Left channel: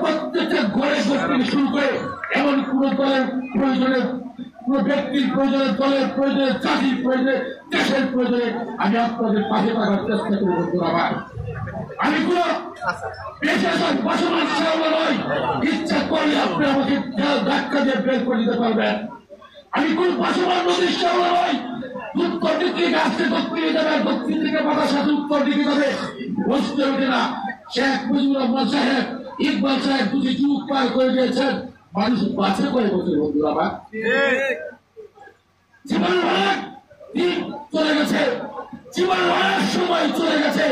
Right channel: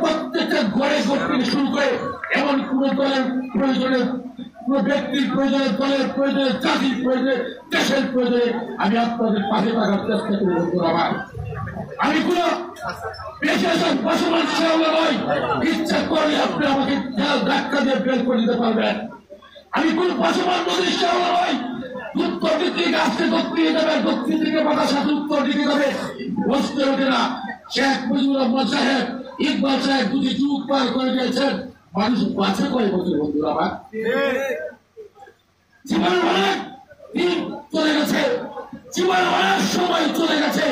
প্রত্যেকটা ঘরে থেকে শুরু করে এমন কোন দলের প্রয়োজনে কোন ব্যক্তির প্রয়োজনে দলের প্রয়োজনে চাকরির প্রয়োজনে দেশের প্রয়োজনে আমি আপনাদের পাশে থাকার চেষ্টা করি বন্ধুরা। আমি কোন পেশাদার বসবাস নয়, ইচ্ছা করলে আপনি আমাকে ধাক্কা দিয়ে বের করে দিতে পারবেন। আমি কোন বসবাস নদীর নয়, উত্তর দিকে আসতে দক্ষিণে যাবে, দক্ষিণ দিকে বাতাস সাথে উত্তর দিকে যাবে, বসতে হবে না। শেখ মুজিবুর রহমান সাহেব, ইকবাল সাহেব দুটি যুগ পার করে দিয়েছেন, মানুষ বাঁচে কয় বছর বন্ধুরা। আমার জীবনে অনেক দিন চলে গেছে, জীবনে অনেক সময় চলে গেছে,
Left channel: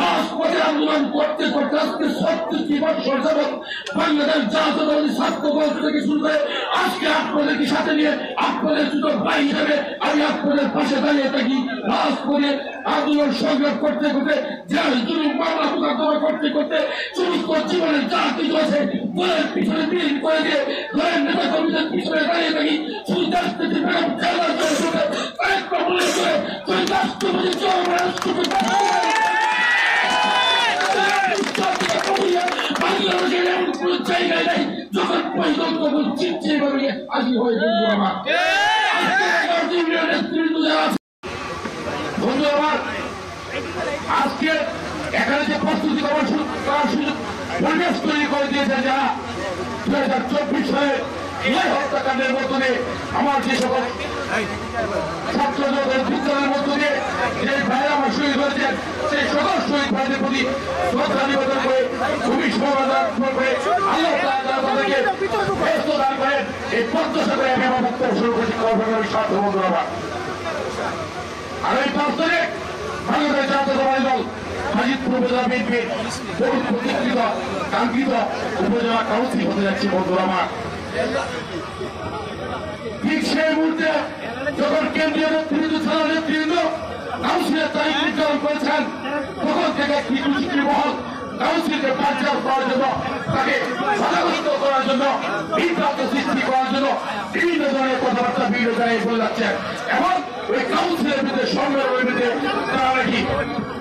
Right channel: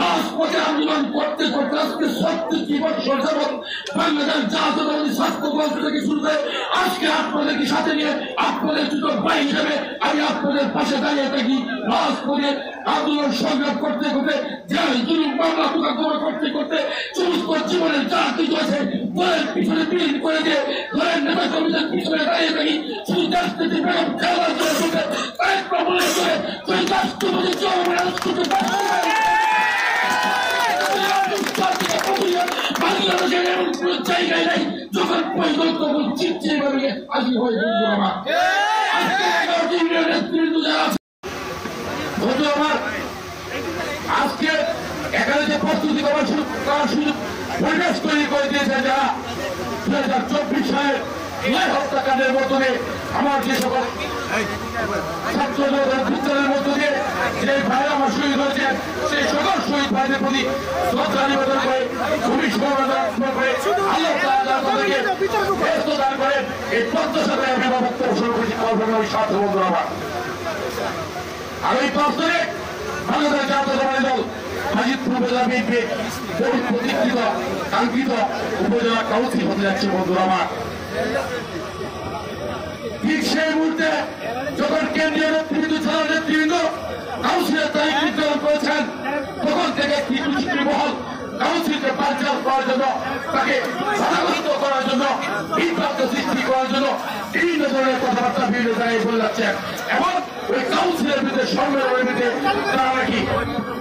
রাজপথে আন্দোলন করতে করতে আজকে ৩৬ বছর যাবৎ বাংলাদেশ জাতীয়তাবাদী ছাত্র দল থেকে শুরু করে আজকে আপনাদেরকে সাথে নিয়ে আপনাদের দুটো ভাই হিসেবে আমি আপনাদের পাশে দাঁড়িয়ে থাকি। রাজপথে আন্দোলন সংগ্রাম করতে করতে জেল জুলুম মামলা মোকদ্দমা করতে করতে সমস্ত জীবনের যা কিছু আছে দলের পিছনে বিলীন করে দিয়ে দলের নেতা কর্মীদের পিছনে দাঁড়িয়ে থাকি। শুধু রাজনীতি বেগম খেলার জন্য আরেকটা মনে করে সেই রাষ্ট্রপতি বাংলাদেশের এমন কোন জায়গায় নাই যখন পরিকল্পনা চিন্তা করে আজি হয়ে আজকে এখানে যে প্রস্তুতি করার সুযোগ পরিবেশ তৈরি করে দিয়েছে যারা 2024 সালে হত্যাকাণ্ডের মধ্যে আমার যে সকল ছাত্রদের বিদ্যালয়ের মধ্যে যে ভাই আমার শহীদ হয়েছেন সেই সকল শহীদ ভাইদের প্রতি শ্রদ্ধা নিবেদন করে খুবই সমবেদনা করে আল্লাহ তাআলা আমাদেরকে ব্যস্ত দান করে এই প্রত্যাশা করে আমি আমার বক্তব্য শুরু করছি। আলোচনার সাথে বন্ধুরা, আগামী 5 তারিখ বাংলাদেশ জাতীয়তাবাদী দল মাজিদপুর উপজেলা বিএনপি প্রতীক্ষিত কাঙ্ক্ষিত উপজেলা কাউন্সিল হতে যাচ্ছে বন্ধুরা। ঠিক সেই মুহূর্তে যখন কেন্দ্রীয় নেতৃবৃন্দ ছাড়া নেতৃবৃন্দ কাউন্সিলের তারিখ নির্ধারণ করেছেন, তখন থেকে কিছু মহল কাউন্সিলকে বাঞ্চাল করার জন্য, তাকে বাধাগ্রস্ত করার জন্য, বিভ্রান্ত সৃষ্টি করার জন্য বিভিন্ন ধরনের কথাবার্তা বিভিন্ন জায়গায় বলে যাচ্ছে। এবং ওই কাউন্সিলের ভিতরে সম্মেলনের ভিতরে তারা নাকি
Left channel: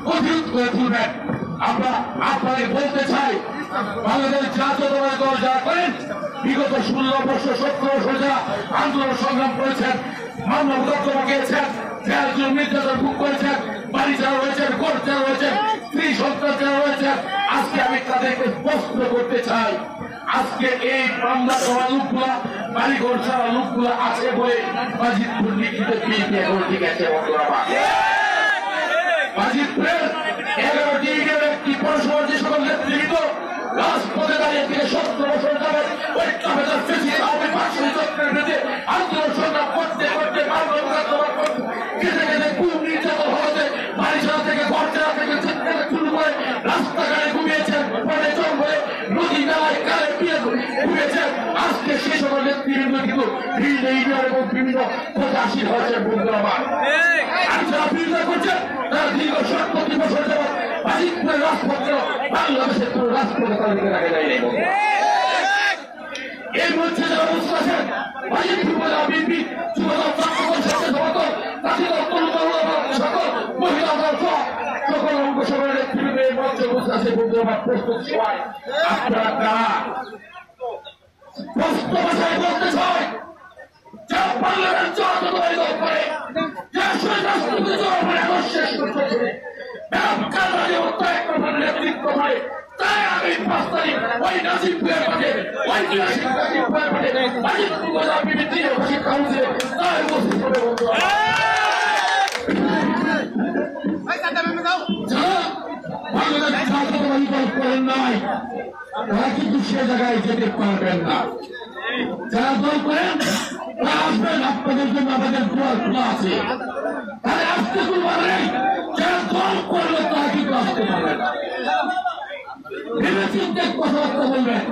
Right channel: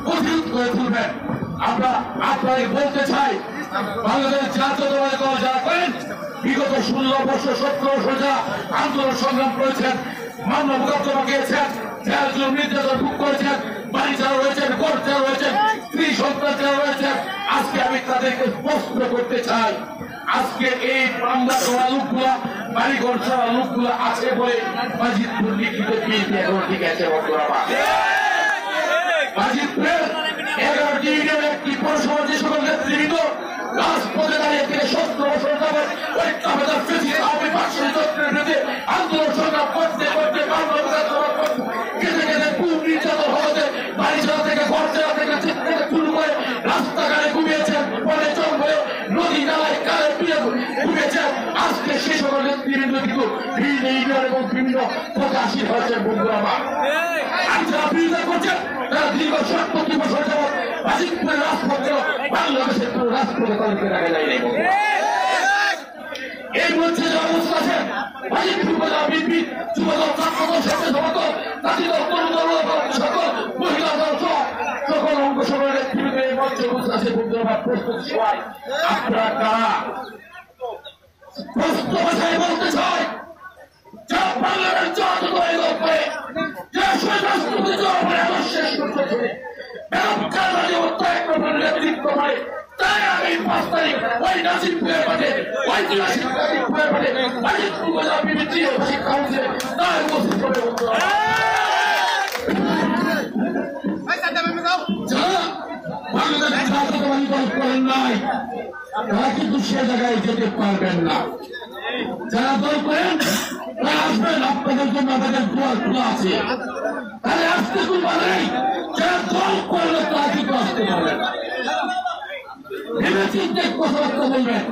কঠিন করে তুলবেন। আমরা আপনাদের বলতে চাই, বাংলাদেশ জাতীয়তাবাদী দল যারা করেন বিগত 16 বছর 17 বছর যারা আন্দোলন সংগ্রাম করেছেন, মানব মোকদ্দমা গিয়েছেন, জেল জুলুম নির্যাতন ভোগ করেছেন, বাড়ি যারা রয়েছেন, ঘর যারা রয়েছেন, স্ত্রী সন্তান যারা রয়েছেন, আজকে আমি তাদেরকে প্রশ্ন করতে চাই, আজকে এই বাংলা করা লোকগুলা বাড়িঘর ছাড়া লোকগুলা আছে বলে মাজিদপুর লিখিত বিএনপি এখন ঠিক আছে মাজিদপুরের 11টি ইউনিয়নের একটি পৌরসভার যে সকল নেতৃবৃন্দ রাজপথে দাঁড়িয়ে থেকে 17 বছর যাবৎ ঐক্যবাদের আন্দোলন সংগ্রাম করতে করতে খেতে খেতে খুব নির্যাতন হতে বাড়ি ছাড়া থেকে ঘর ছাড়া থেকে থেকে শুরু করে রাস্তাঘাটে ঘুমিয়েছেন, পরে জঙ্গলে নদী নালায় কালে পিয়ে ঘুমিয়েছেন। আজকে সে সকল নেতৃবৃন্দ কিন্তু বিভিন্ন ইউনিয়ন এবং বিভিন্ন প্রকাশী হয়েছে বন্ধুরা। আমি যারা বিরোধিতা করছেন তারা দীর্ঘ 70 বছর যাবৎ মাজিদপুরের রাজপথ বাংলাদেশের কোন রাজপথে তাদেরকে রাখে নাই। এর মধ্যে যারা অবস্থা আছেন মাজিদপুর উপজেলা বিএনপি যুবদল ছাত্রদল স্বেচ্ছাসেবক সকল মহিলা দল সকল অঙ্গসংগঠনের নেতৃবৃন্দ এই মঞ্চে বসে আছে বন্ধুরা। প্রস্তুত সবাই আপনারা কারা প্রস্তুত ভাষায় বলতে চাই, যা বাংলাদেশ জাতীয়তাবাদী দল করে যে রাষ্ট্রপতি দল শেষ করতে নেতৃত্ব করে, তাই আমি 5 তারিখ ওই নাজিবপুরের মাঠে ঐতিহাসিক নাজিবপুরের মাঠে মাজিদপুর উপজেলা বিএনপি কাউন্সিলে তার উপস্থিত হবে বন্ধুরা। যারা বাংলাদেশ জাতীয়তাবাদী দল করেন নাই তারা কিন্তু সে জায়গায় যেতে পারবেন না। যারা দল করেন তারা আসবেন, আপনাদের জন্য আমাদের দুয়ার খোলা আছে, তাহলে আসতে কোনো বাধা নেই। যারা দল করলে তারা কিন্তু আসতে পারবে না। ভেবে চিন্তে কথাবার্তা বলবেন,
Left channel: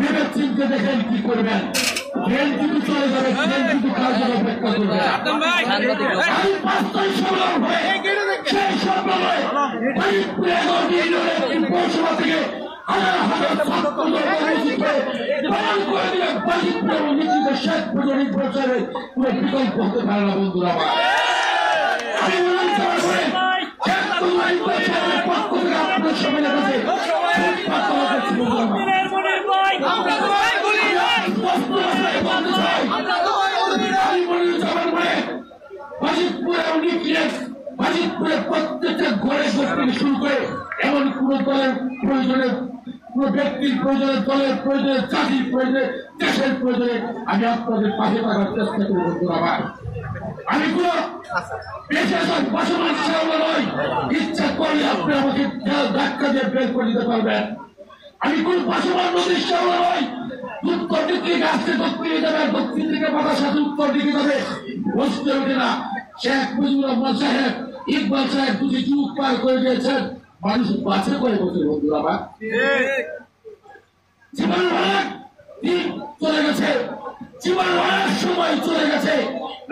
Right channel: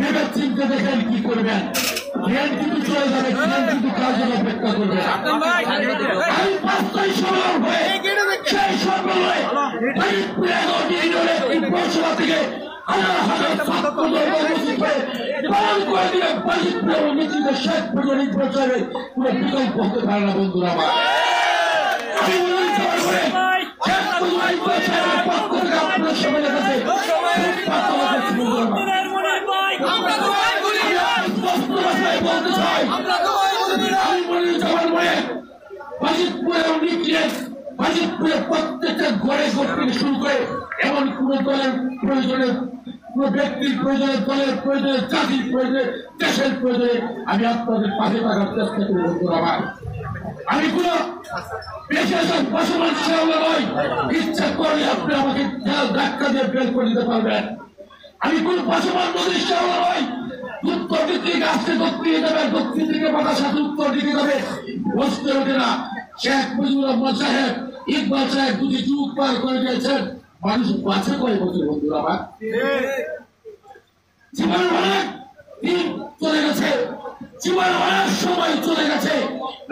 ভেবে চিন্তে দেখেন কি করবেন। ট্রেন কিন্তু চলে যাবে, ট্রেন কিন্তু কাজ অপেক্ষা করবে। আমি 5 তারিখ সম্মেলন হবে, সেই সম্মেলনে পৌরসভা থেকে হাজার হাজার শেখ পুজো নির্বাচনের কোন বিকল্প হতে পারে না বন্ধুরা। শেখ পুজো নির্বাচনের পক্ষ থেকে আপনাদের সামনে দলের প্রয়োজনে, কোন ব্যক্তির প্রয়োজনে, দলের প্রয়োজনে, জাতির প্রয়োজনে, দেশের প্রয়োজনে আমি আপনাদের পাশে থাকার চেষ্টা করি বন্ধুরা আমার। আমি কোন পেশাদার পাশাপাশি সামনে নয়, ইচ্ছা করলে আপনি আমাকে ধাক্কা দিয়ে বের করে দিতে পারবেন। আমি কোন পাশাপাশি নদীর সামনে নয়, উত্তর দিকে আসতে দক্ষিণ যাবে, দক্ষিণ দিকে বাতাস সাথে উত্তর দিকে যাবে, বসতে হবে না। শেখ মুজিবুর রহমান সাহেব, ইকবাল সাহেব দুটি যুগ পার করে দিয়েছেন, মানুষ বাঁচে কয় বছর বন্ধুরা আমার? জীবনে অনেক দিন চলে গেছে, জীবনে অনেক সময় চলে গেছে।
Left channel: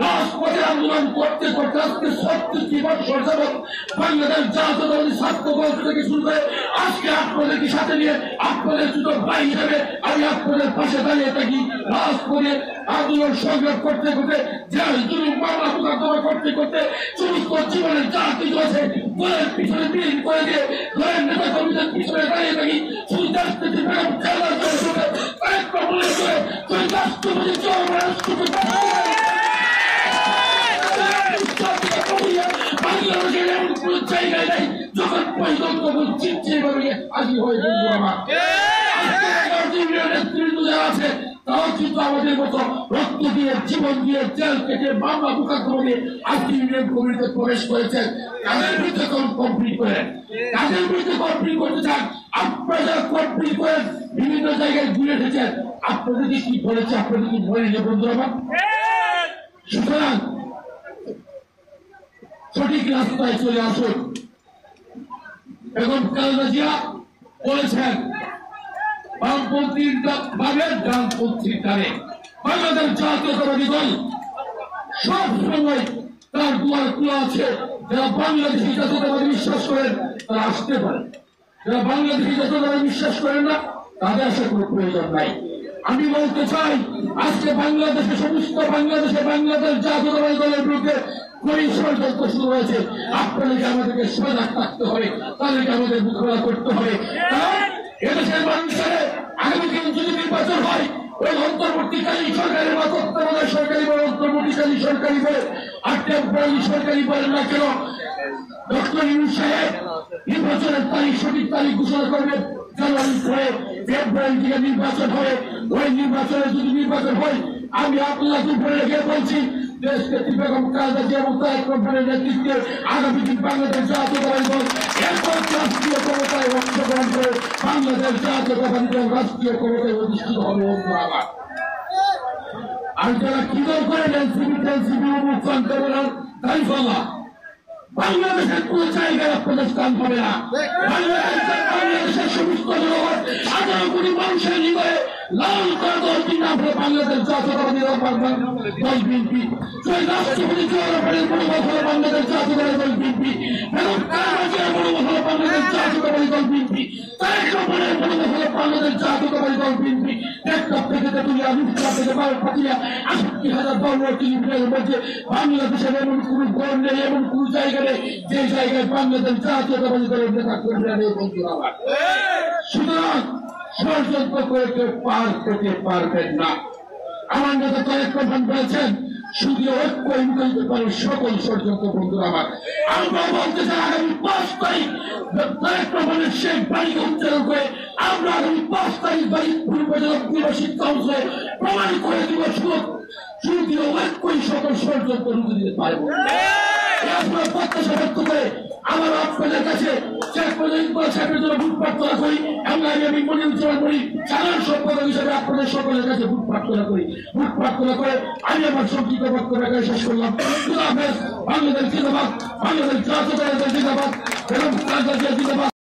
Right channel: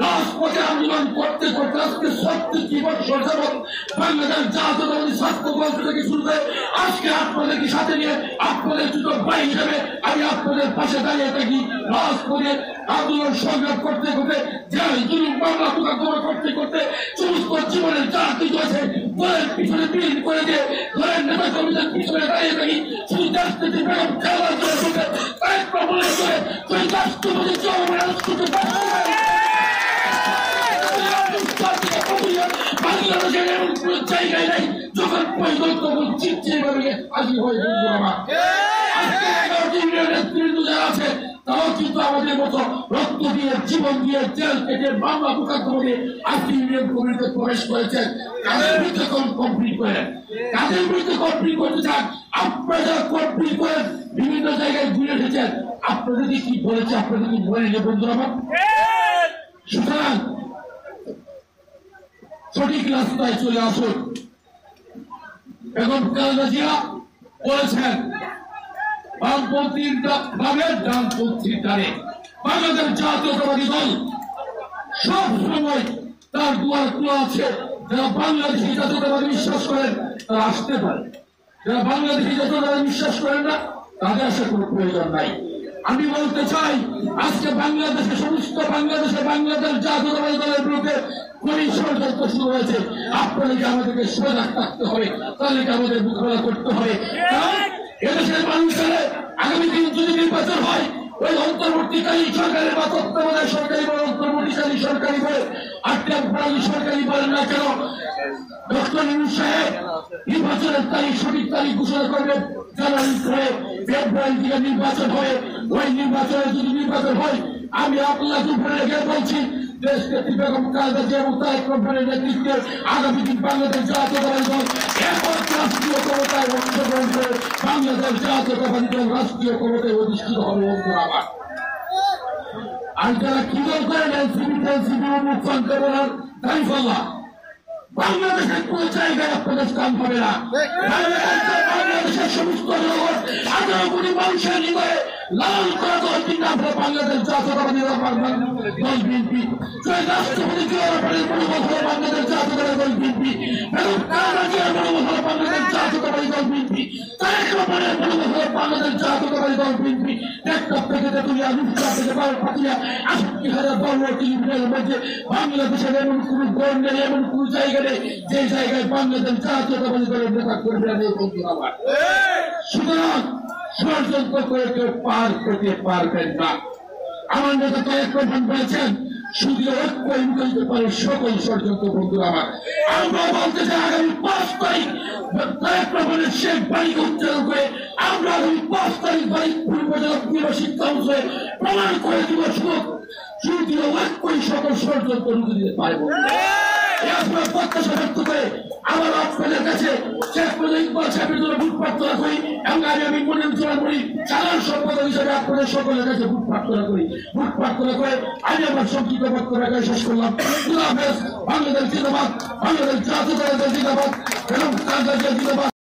রাজপথে আন্দোলন করতে করতে আজকে 36 বছর যাবৎ বাংলাদেশ জাতীয়তাবাদী ছাত্র দল থেকে শুরু করে আজকে আপনাদেরকে সাথে নিয়ে আপনাদের দুটো ভাই হিসেবে আমি আপনাদের পাশে দাঁড়িয়ে থাকি। রাজপথে আন্দোলন সংগ্রাম করতে করতে জেল জুলুম মামলা মোকদ্দমা করতে করতে সমস্ত জীবনের যা কিছু আছে দলের পিছনে বিলীন করে দিয়ে দলের নেতা কর্মীদের পিছনে দাঁড়িয়ে থাকি। শুধু রাজনীতি বেগম খেলার জন্য কয়েকটা মনে করে তুই রাষ্ট্রপতি বাংলাদেশের এমন কোন জায়গায় নাই যখন পরিকল্পনা চিনচিনি করে হাজির হয়ে বন্ধু আমার। নেতৃত্ব যারা আছে তারাও কিন্তু আমাদের মতো রক্ত দিয়ে, জীবন দিয়ে, জেল থেকে, মামলা মোকদ্দমা দিয়ে আজকে ইউনিয়ন কমিটিতে প্রবেশ করেছেন। কাদের বিরুদ্ধে কমপ্লিট করেন, কাদের বিরুদ্ধে কমপ্লিট করতে চান? আপনারা কমপ্লিট করেন, বিভিন্ন জায়গায় ঘুরে এসেছেন। আপনাদের কি বলেছে, আপনাদের কি বলেনি বন্ধু আমার? সুতরাং সঠিক রাস্তায় চলে আসুন। এখন খালেদা জিয়া বলেছেন বামপন্থীর ভাবে ডানপন্থীর দ্বারে বাংলাদেশ জাতীয়তাবাদী দল সব সময় তার দুয়ার খোলা আছে। যারা বাংলাদেশি জাতীয়তাবাদী বিশ্বাস করেন তারা আসতে পারে, যারা বাংলাদেশি জাতীয়তাবাদী বিশ্বাস করেন না তাদের আসার কোনো প্রয়োজন নাই। আমি বলতে চাই আজকে বাংলাদেশে সমস্ত বাংলাদেশ জাতীয়তাবাদী দলের বিরুদ্ধে ষড়যন্ত্র শুরু হয়েছে। আপনাদেরকে আমাদেরকে সজাগ থাকতে হবে, তাদেরকে আমাদের মোকাবেলা করতে হবে। কারণ এদেশের মানুষের আগামী দিন যদি নির্বাচন হয়, ওই অন্তর্বর্তীকালীন সরকারের বা তত্ত্বাবধায়ক সরকারি বা অন্তর্বর্তীকালীন সরকারি বলে আর টেম্পোরারি সরকারি বলেন না কেন, ডক্টর ইউনূস সাহেব নির্বাচনের তারিখ, সঠিক তারিখ ঘোষণা করবেন। জানুয়ারি করে ফেব্রুয়ারি থেকে নির্বাচন হয়ে ওই নির্বাচনে যদি নির্বাচন হয়, আমি আপনাকে ফেলে গিয়ে বলছি দেশকে বেগম খালেদা জিয়া এবং তারেক রহমানের নেতৃত্বে আগামী দিন বাংলাদেশ জাতীয়তাবাদী দল একক রাষ্ট্রীয় ক্ষমতায় অংশগ্রহণ করে বাংলাদেশ জাতীয়তাবাদী দল রাষ্ট্রীয় ক্ষমতায় অধিষ্ঠিত হবে। আর যারা কি দল করেন এনসিপি উন্মুক্ত করার দায়িত্বলা বাংলাদেশের কোন জায়গায় আপনাদের স্থান হবে না। বাংলাদেশের সমস্ত জনগণ 18 কোটি মানুষের হৃদয়ে লাল করা দল কিন্তু আমরা বাংলাদেশ জাতীয়তাবাদী দল বিএনপি। রাষ্ট্রপতি বাংলাদেশ জাতীয়তাবাদী দল বিএনপি এবং কারাগার মনোভাব বাংলাদেশ জাতীয়তাবাদী দল বিএনপি, তারেক রহমানের মনোভাব বাংলাদেশ জাতীয়তাবাদী দল বিএনপি। একটা থেকে তেতুলিয়া, রূপসা থেকে পাতুলিয়া 68,000 বর্গ কিলোমিটারের মধ্যে বাংলাদেশের এমন কোন গড় নেই, এমন কোন জায়গা নেই যে জায়গায় বাংলাদেশ জাতীয়তাবাদী দলের নেতা কর্মীরা নেই বন্ধু আমার। সুতরাং ষড়যন্ত্র করে কেউ পার করতে পারবেন না। আমার নেতা তারেক রহমান বলেছেন শুধু ঐক্য নিতে পারে সকল ষড়যন্ত্র বন্ধু আমার। আমরা বলতে চাই আগামী 5 তারিখ তারেক রহমানের শেখ বাড়িকে উচ্চারণ করে আমরা আগামী 5 তারিখ বাড়ি পূর্ব শিক্ষা অংশে প্রমাণ করে দিব শুধু ঐক্যই সকল ষড়যন্ত্র রুখে দিতে পারবো। আপনার প্রত্যাশা ব্যক্ত করে আমার আপনাদের কাছে শেখ মুজিবুর ইকবাল সাহেবের জন্য ভোট প্রার্থনা করি এবং আমি মনে উজ্জ্বল করি সাধারণ সম্পাদক হিসেবে আপনাদের সকলের কাছে ভোট প্রার্থনা করি। ভোট প্রার্থনা করে আমি আমার সংক্ষিপ্ত বক্তব্য শেষ করলাম। বাংলাদেশ জিন্দাবাদ, বাংলাদেশ জাতীয়তাবাদী দল জিন্দাবাদ এবং জিন্দাবাদ।